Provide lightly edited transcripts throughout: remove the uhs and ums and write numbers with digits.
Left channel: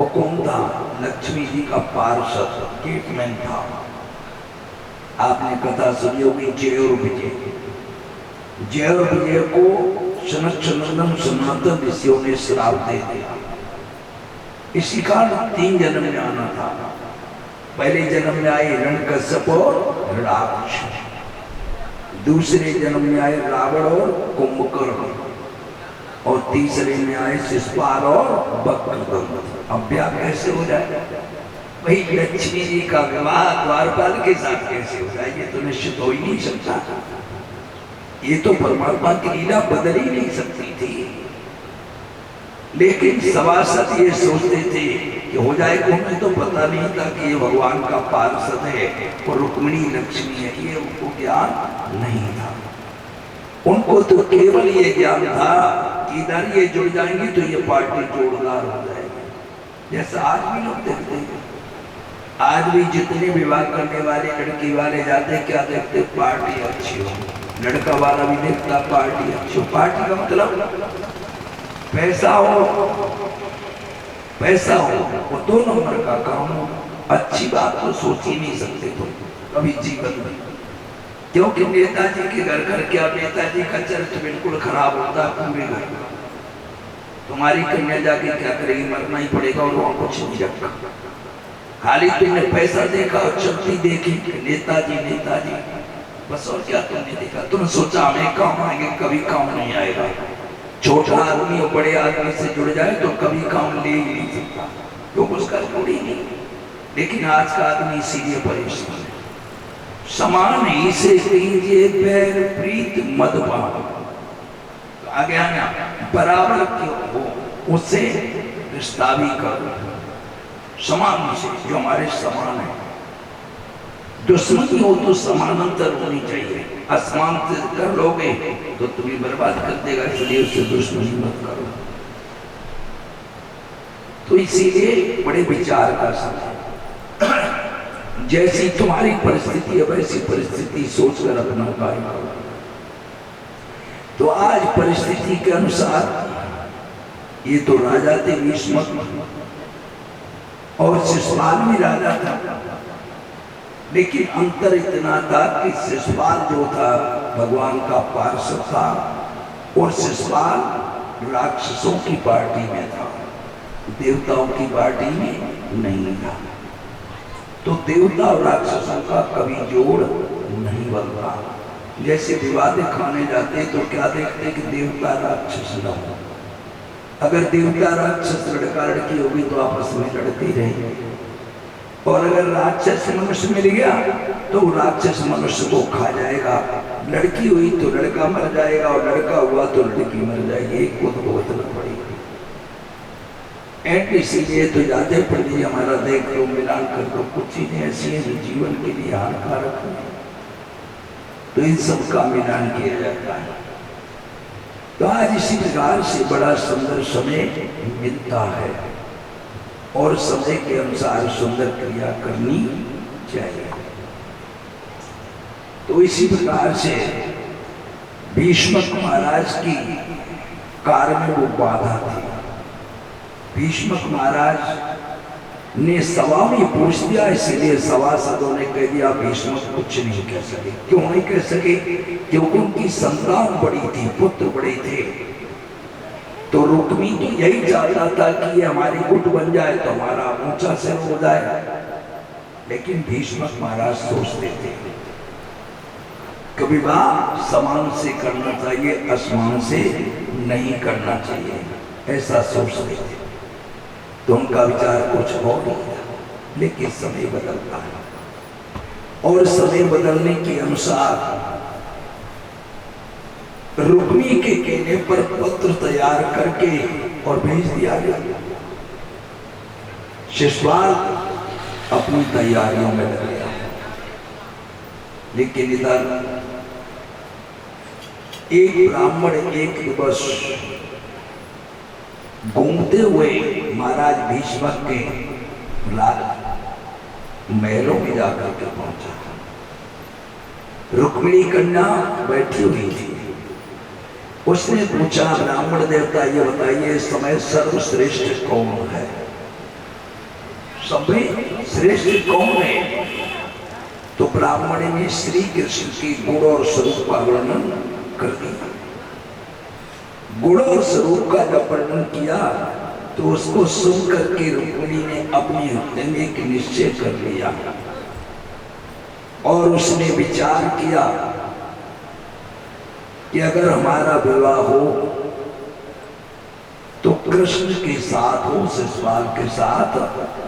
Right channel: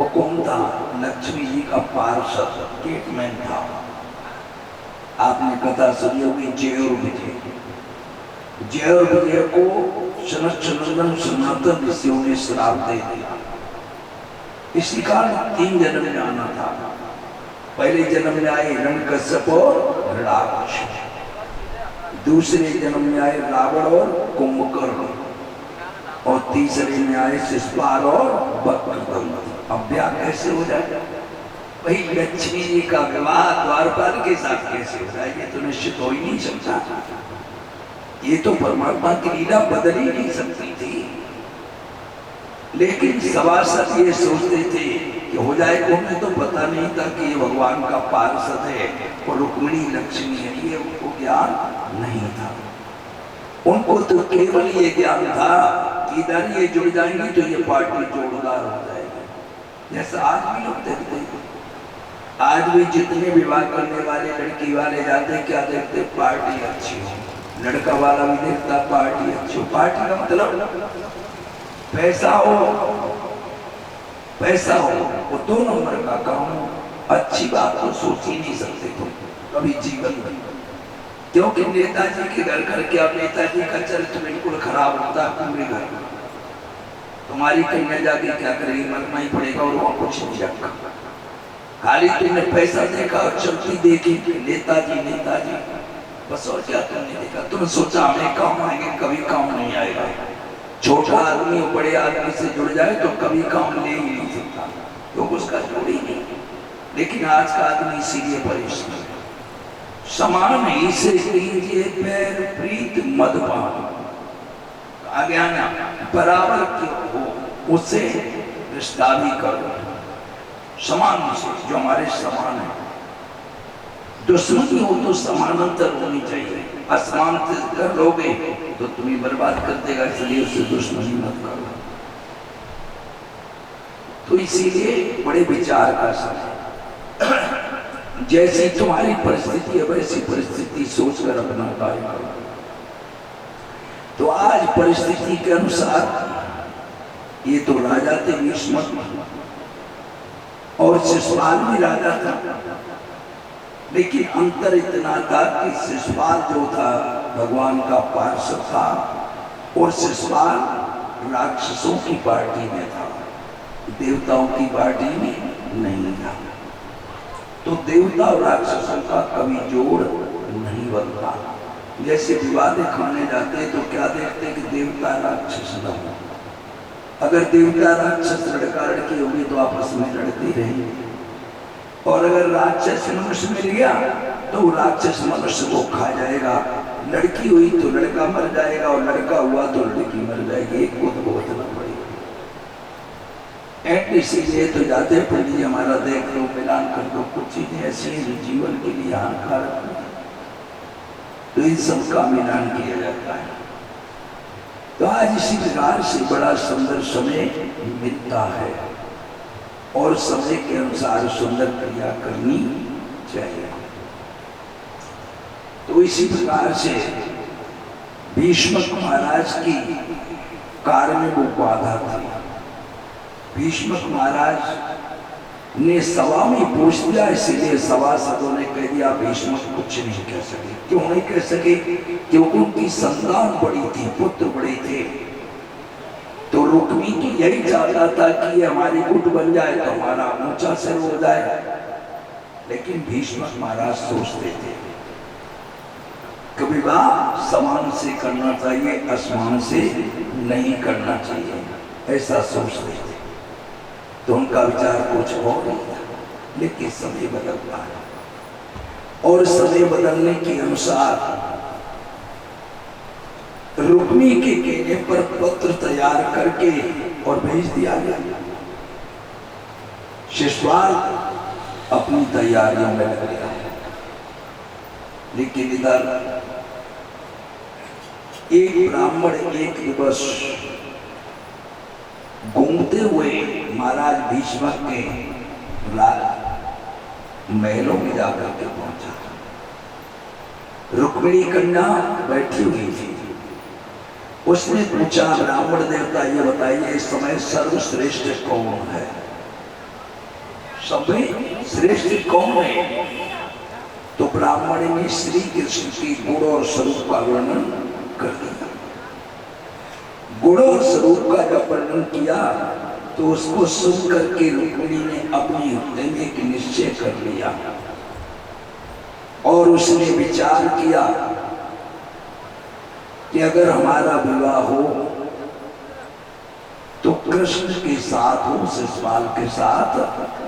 वो कौन था? लक्ष्मी जी का पार्षद गेटमैन था। आपने कथा सुनी होगी जय और विजय। जय और विजय को सनत सनंदन सनातन ऋषियों ने श्राप दे दिया। इसी कारण 3 जन्म में आना था। पहले जन्म में आए हिरण्यकश्यप और हिरण्याक्ष, दूसरे जन्म में आए रावण और कुंभकर्ण, और तीसरे में आए शिशुपाल और वक्रतुंड। अब ब्याह कैसे हो जाए? वही लक्ष्मी जी का विवाह द्वारपाल के साथ कैसे हो जाए? ये तो निश्चित हो ही नहीं सकता। ये तो परमात्मा की लीला बदल ही नहीं सकती थी। लेकिन सभासद ये सोचते थे कि हो जाएगा। उन्हें तो पता नहीं था कि ये भगवान का पार्षद है और रुक्मिणी लक्ष्मी है, ये उनको ज्ञान नहीं था। उनको तो केवल ये ज्ञान था कि इधर ये जुड़ जाएंगे तो ये पार्टी जोरदार हो जाएगी। जैसा आज भी लोग देखते हैं, आज भी जितने विवाह करने वाले लड़की वाले जाते हैं, क्या देखते? पार्टी अच्छी हो। लड़का वाला भी देखता पार्टी अच्छी हो। पार्टी का मतलब पैसा हो, पैसा हो, वो 2 नंबर का काम हो। अच्छी बात तो सोच ही नहीं सकते तुम कभी जीवन में, क्योंकि नेताजी के घर घर क्या, नेताजी का चरित्र बिल्कुल खराब होता है पूरे घर। तुम्हारी कन्या जाके क्या करेगी? मरना ही पड़ेगा और वहां कुछ नहीं रखा। खाली तुमने पैसा देखा और चलती देखी, नेताजी नेताजी, बस। और क्या तुमने देखा? तुमने सोचा हमें काम आएंगे, कभी काम नहीं आएगा। छोटा आदमी और बड़े आदमी से जुड़ जाए तो कभी काम ले ही नहीं सकता, क्योंकि उसका जुड़ ही नहीं। लेकिन आज का आदमी इसीलिए परेशान है। समान ही से कीजिए पैर प्रीत मदपान, आगे आना बराबर क्यों हो, उससे रिश्ता भी करो समान से, जो हमारे समान है। दुश्मनी हो तो समानांतर होनी चाहिए। असमान कर लोगे तो तुम्हें बर्बाद कर देगा, इसलिए उससे दुश्मनी मत करो। तो इसीलिए बड़े विचार का समय, जैसी तुम्हारी परिस्थिति है वैसी परिस्थिति सोचकर अपना कार्य करो। तो आज परिस्थिति के अनुसार ये तो राजा थे भीष्म, और शिशुपाल भी राजा था। लेकिन अंतर इतना था कि शिशुपाल जो था भगवान का पार्षद था, और शिशुपाल राक्षसों की पार्टी में था, देवताओं की पार्टी में नहीं था। तो देवता और राक्षसों का कभी जोड़ नहीं बनता। जैसे विवादे खाने जाते हैं तो क्या देखते हैं कि देवता राक्षस न हो। अगर देवता राक्षस लड़का लड़की होगी तो आपस में लड़ते ही रहेंगे, और अगर राक्षस मनुष्य मिल गया तो राक्षस मनुष्य को खा जाएगा। लड़की हुई तो लड़का मर जाएगा, और लड़का हुआ तो लड़की मर जाएगी। एक को तो भुगतना पड़ेगा। इसीलिए तो जाते पंडित हमारा देख लो, मिलान कर दो। कुछ चीजें ऐसी हैं जो जीवन के लिए हानिकारक है, तो इन सब का मिलान किया जाता है। तो आज इसी प्रकार से बड़ा सुंदर समय मिलता है, और समय के अनुसार सुंदर क्रिया करनी चाहिए। तो इसी प्रकार से भीष्मक महाराज की कार्य में वो बाधा थी। भीष्मक महाराज ने सभा में पूछ दिया, इसलिए सभासदों ने कह दिया भीष्मक कुछ नहीं कह सके। क्यों नहीं कह सके? क्योंकि उनकी संतान बड़ी थी, पुत्र बड़े थे। तो रुक्मी तो यही चाहता था कि ये हमारी गुट बन जाए तो हमारा ऊंचा सिर हो जाए। लेकिन भीष्मक महाराज सोचते थे कि विवाह समान से करना चाहिए, असमान से नहीं करना चाहिए, ऐसा सोचते थे। तो उनका विचार कुछ और ही था। लेकिन समय बदलता है, और समय बदलने के अनुसार रुक्मी के कहने पर पत्र तैयार करके और भेज दिया गया। शिशुपाल अपनी तैयारियों में लग गया। लेकिन इधर एक ब्राह्मण एक दिवस घूमते हुए महाराज भीष्मक के महलों में जाकर के पहुंचा। रुक्मिणी कन्या बैठी हुई थी। उसने पूछा, ब्राह्मण देवता ये बताइए इस समय सर्वश्रेष्ठ कौन है? सबसे श्रेष्ठ कौन है? तो ब्राह्मण ने श्री कृष्ण के गुण और स्वरूप का वर्णन कर दिया। गुण और स्वरूप का जब वर्णन किया तो उसको सुन करके रुक्मिणी ने अपने हृदय में एक निश्चय कर लिया और उसने विचार किया कि अगर हमारा विवाह हो तो कृष्ण के साथ हो, शिशुपाल के साथ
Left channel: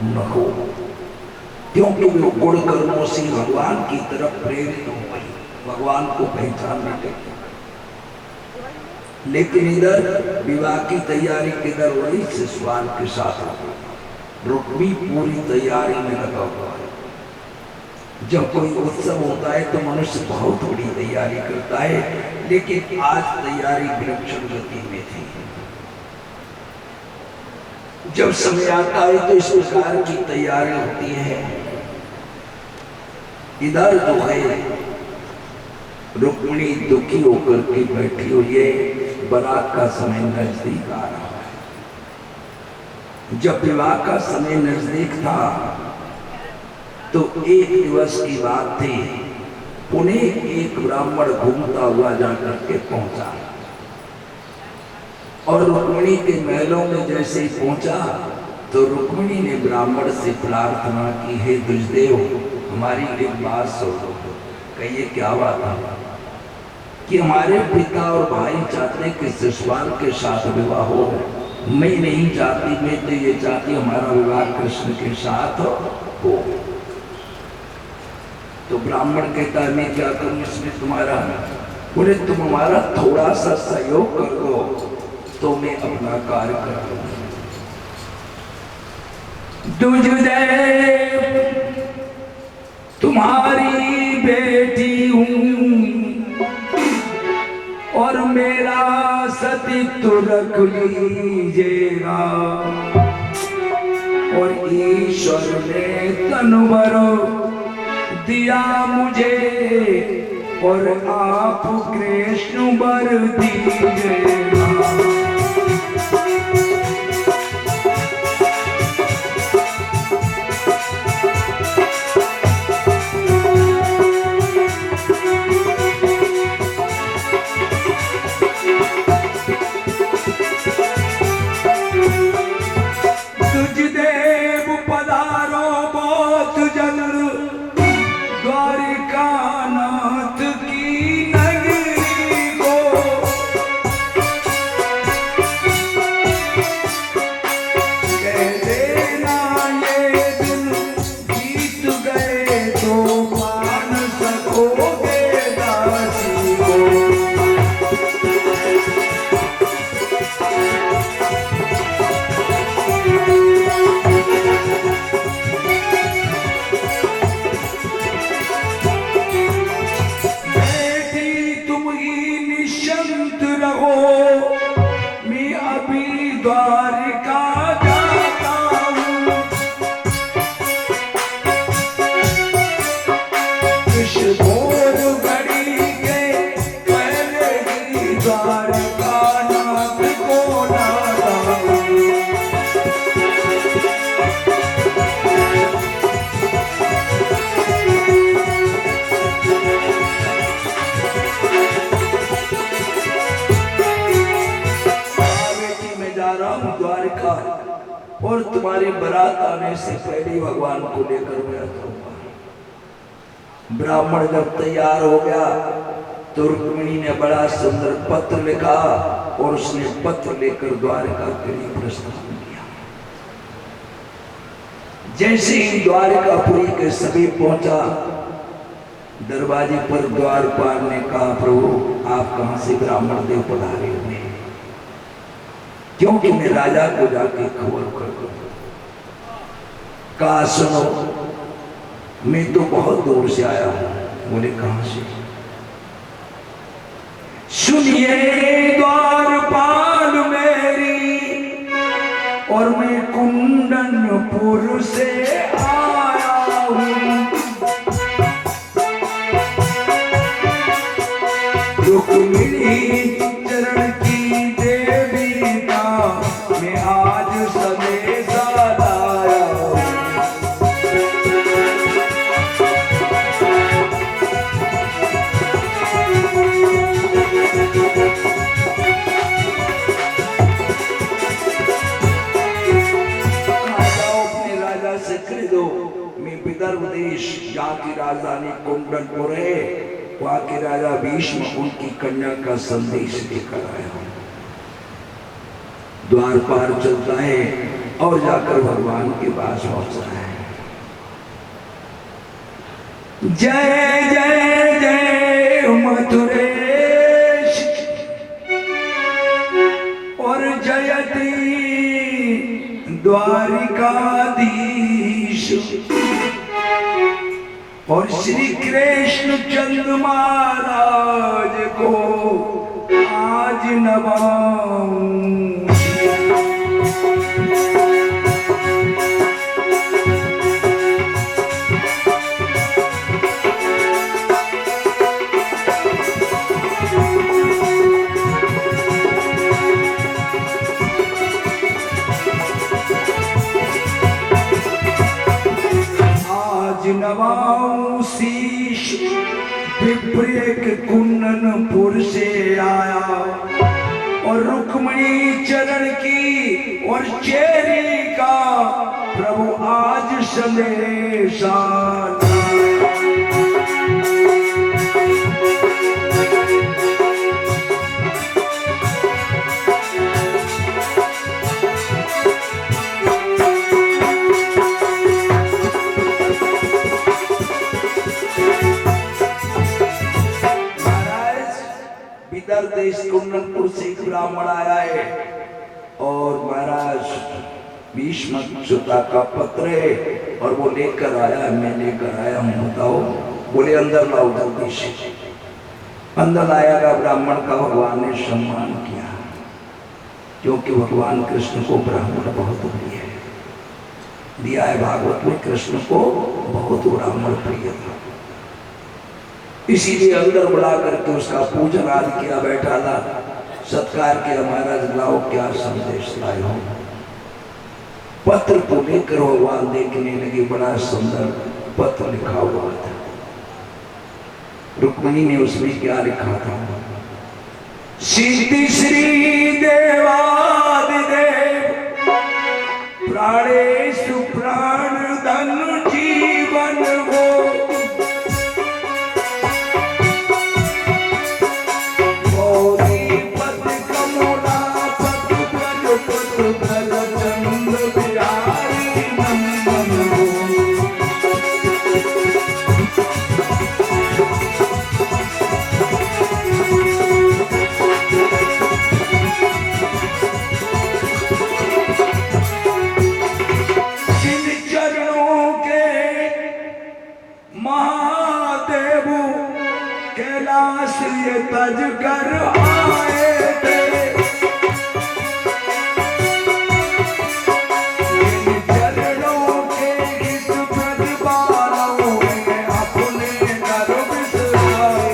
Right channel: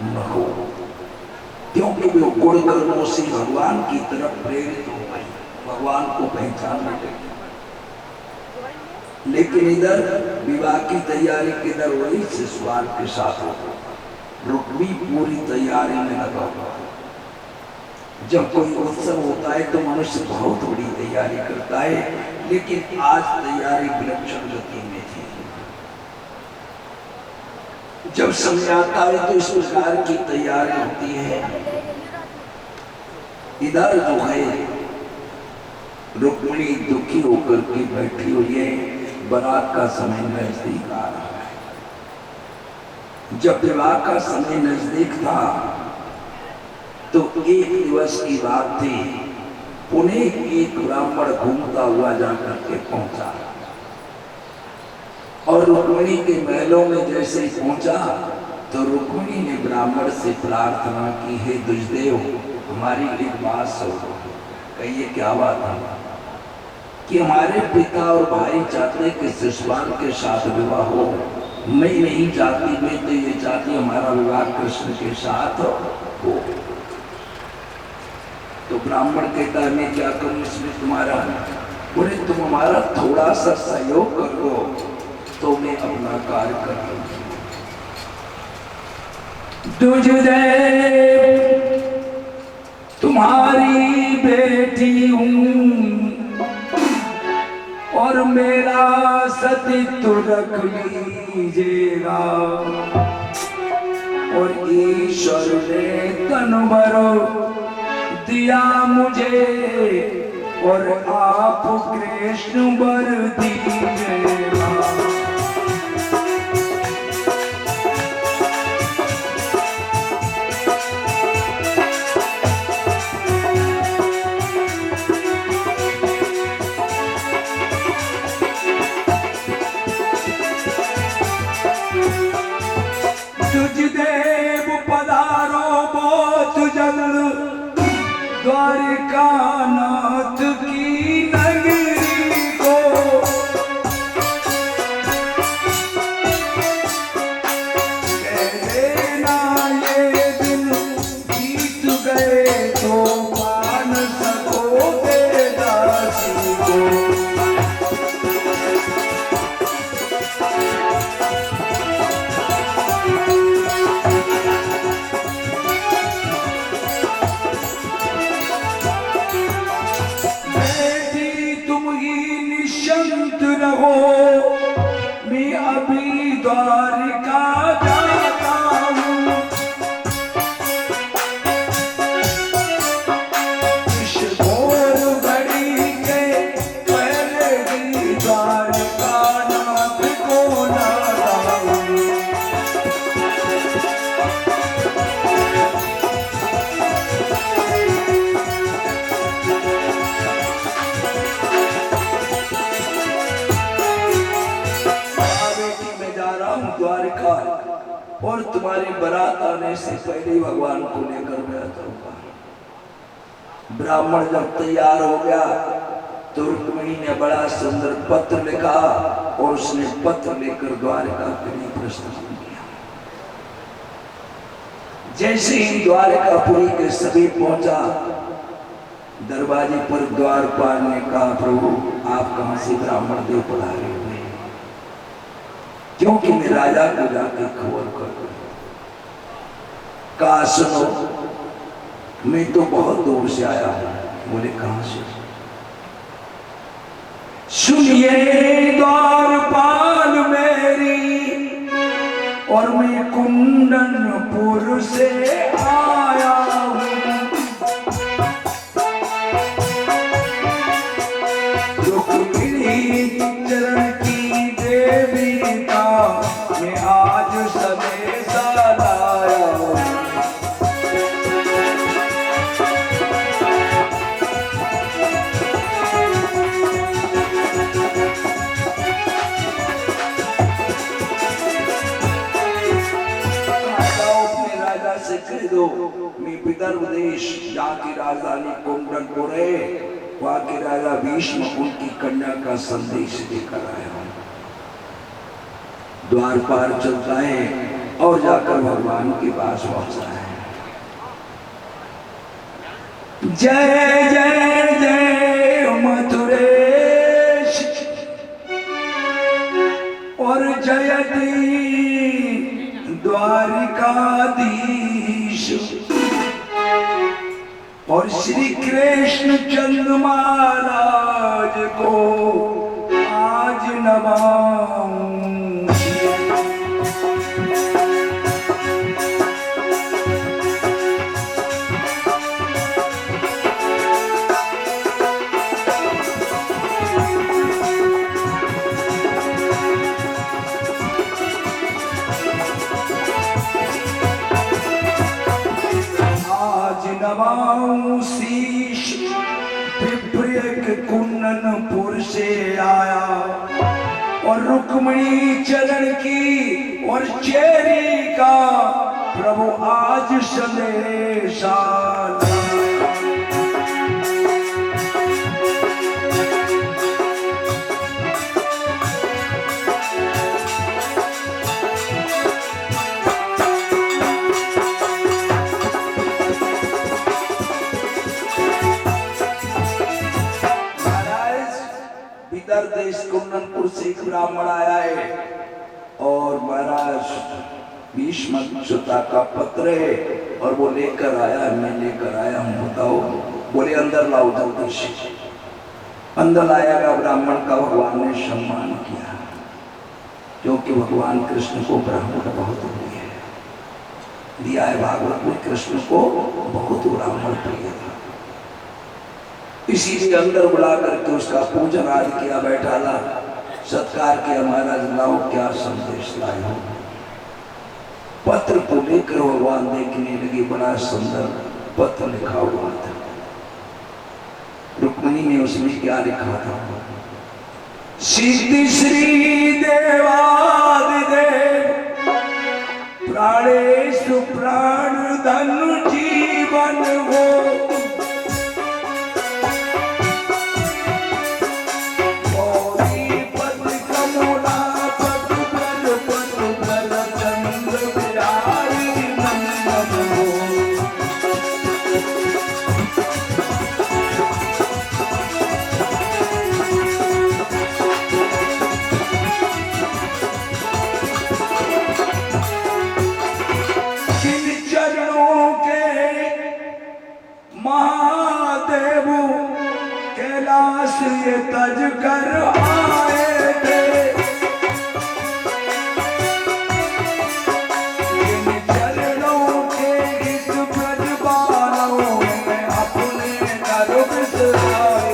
न हो, क्योंकि वो गुण कर्मों से भगवान की तरफ प्रेरित हो गई, भगवान को पहचान लगी। लेकिन इधर विवाह की तैयारी किधर हो रही? शिशुपाल के साथ रुक्मी पूरी तैयारी में लगा हुआ है। जब कोई उत्सव होता है तो मनुष्य बहुत बड़ी तैयारी करता है, लेकिन आज तैयारी विलक्षण गति में थी। जब समय आता है तो इस प्रकार की तैयारी होती है। इधर जो है रुक्मिणी दुखी होकर के बैठी हुई है, बारात का समय नजदीक आ रहा है। जब विवाह का समय नजदीक था तो एक दिवस की बात थी, पुणे एक ब्राह्मण घूमता हुआ जाकर के पहुंचा और रुक्मिणी के महलों में जैसे ही पहुंचा तो रुक्मिणी ने ब्राह्मण से प्रार्थना की, हे दुष्देव हमारी एक बात सुनो। कहिए क्या बात है? कि हमारे पिता और भाई चाहते कि शिशुपाल के साथ विवाह हो। मैं नहीं चाहती, मैं तो ये चाहती हमारा विवाह कृष्ण के साथ हो। तो ब्राह्मण कहता है मैं क्या करूं इसमें तुम्हारा? बोले तुम हमारा थोड़ा सा सहयोग कर दो तो मैं अपना कार्य कर लूंगा। तुम्हारी बेटी हूं और मेरा सतीत्व रख लीजिएगा, और ईश्वर ने तनवर दिया मुझे और आप कृष्ण वर दीजिएगा। और तुम्हारी बारात आने से पहले भगवान को लेकर मैं आता। ब्राह्मण जब तैयार हो गया तो रुक्मिणी ने बड़ा सुंदर पत्र लिखा और उसने पत्र लेकर द्वारिका के लिए प्रस्थान किया। जैसे ही द्वारिकापुरी के समीप पहुंचा, दरवाजे पर द्वारपाल ने कहा, प्रभु आप कहां से ब्राह्मण देव पधारे हुए? क्योंकि मैं राजा को जाके खबर कर दूं। कहा सुनो, मैं तो बहुत दूर से आया हूं। बोले कहां से? सुनिए द्वारपाल मेरी, और मैं कुंदनपुर से आया हूं। रुक्मिणी चरण की देवी का मैं आज संदेशा लाया हूं। से कह दो मैं विदर्भ देश जहाँ की राजधानी कुंडलपुर है, वहाँ के राजा भीष्म उनकी कन्या का संदेश लेकर आया हूँ। द्वार पार चलता है और जाकर भगवान के पास पहुंचता है। जय जय जय मथुरेश और जयति द्वारिकाधीश और श्री कृष्ण चंद्र महाराज को आज नवाऊं। नवाऊं शीश विप्रेक कुंदनपुर से आया और रुक्मणी चरण की और चेरी का प्रभु आज संदेश देश कुंदनपुर से एक ब्राह्मण आया है और महाराज भीष्म सुता का पत्र है और वो लेकर आया, मैं लेकर आया हूँ, बताओ। बोले अंदर लाओ जल्दी से। अंदर लाया ब्राह्मण का भगवान ने सम्मान किया, क्योंकि भगवान कृष्ण को ब्राह्मण बहुत प्रिय है। दिया है भागवत में, कृष्ण को बहुत ब्राह्मण प्रिय था, इसीलिए अंदर बुला करके उसका पूजन आदि किया, बैठा ला सत्कार किया। महाराज लाओ क्या संदेश लाए हो। पत्र को लेकर भगवान देखने लगे, बड़ा सुंदर पत्र लिखा हुआ था। रुक्मिणी ने उसमें क्या लिखा था? सिद्धि श्री देवादिदेव प्राणेषु प्राण धन जीवन हो, ये तज कर आए थे। इन चरणों के इस ब्रजबालों में अपने नर बिसराए।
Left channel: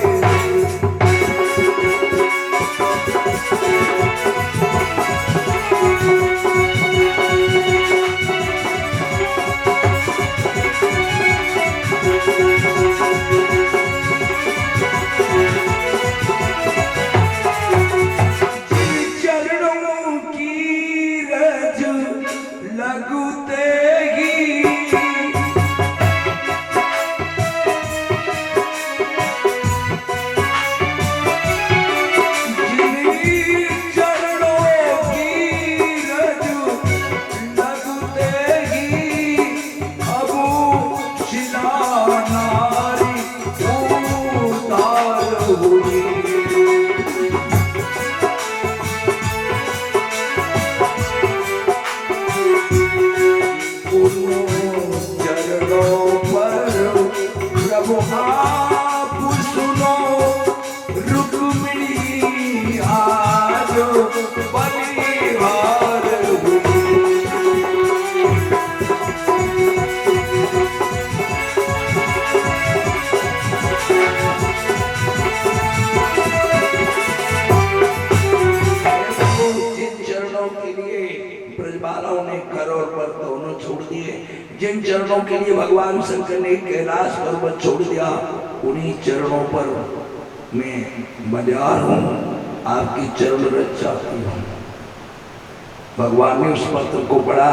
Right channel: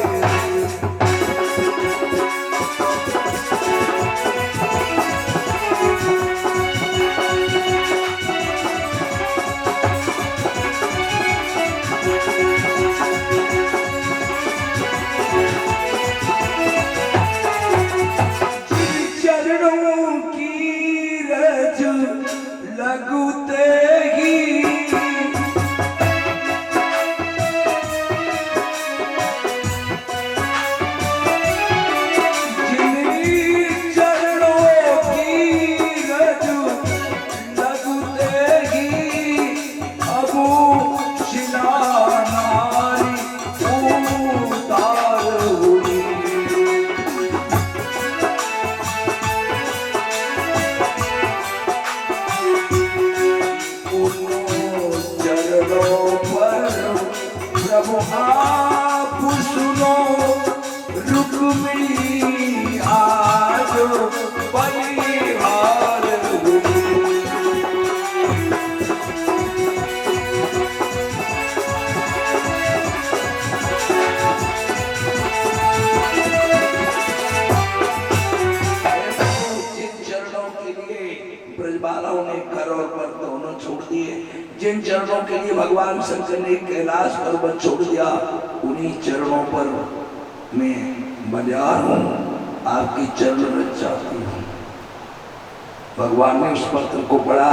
जिन चरणों के लिए भगवान शंकर ने कैलाश पर्वत छोड़ दिया, उन्हीं चरणों पर मैं मजार हूँ, आपकी चरण रच चाहती हूँ। भगवान ने उस पत्र को पढ़ा,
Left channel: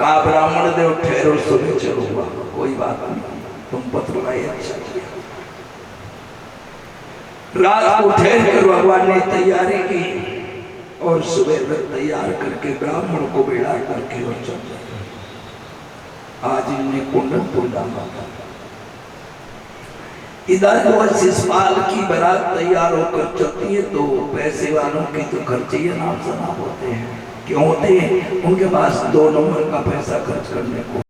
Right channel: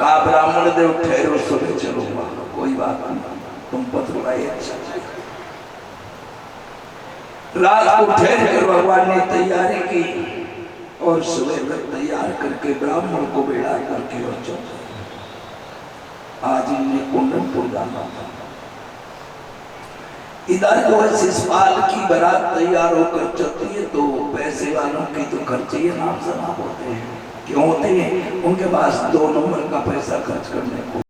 कहा ब्राह्मण देव ठहरो, सुबह चलूंगा। कोई बात नहीं, तुम पत्र लाई, अच्छा किया। रात को ठहर कर भगवान ने तैयारी की और सुबह में तैयार करके ब्राह्मण को बिठा करके और चल। आज इन्हें कुंडनपुर जाना था। इधर जो शिषपाल की बारात तैयार होकर चलती है तो पैसे वालों की तो खर्चे नाम शराब होते हैं। क्यों होते हैं? उनके पास 2 नंबर का पैसा खर्च करने को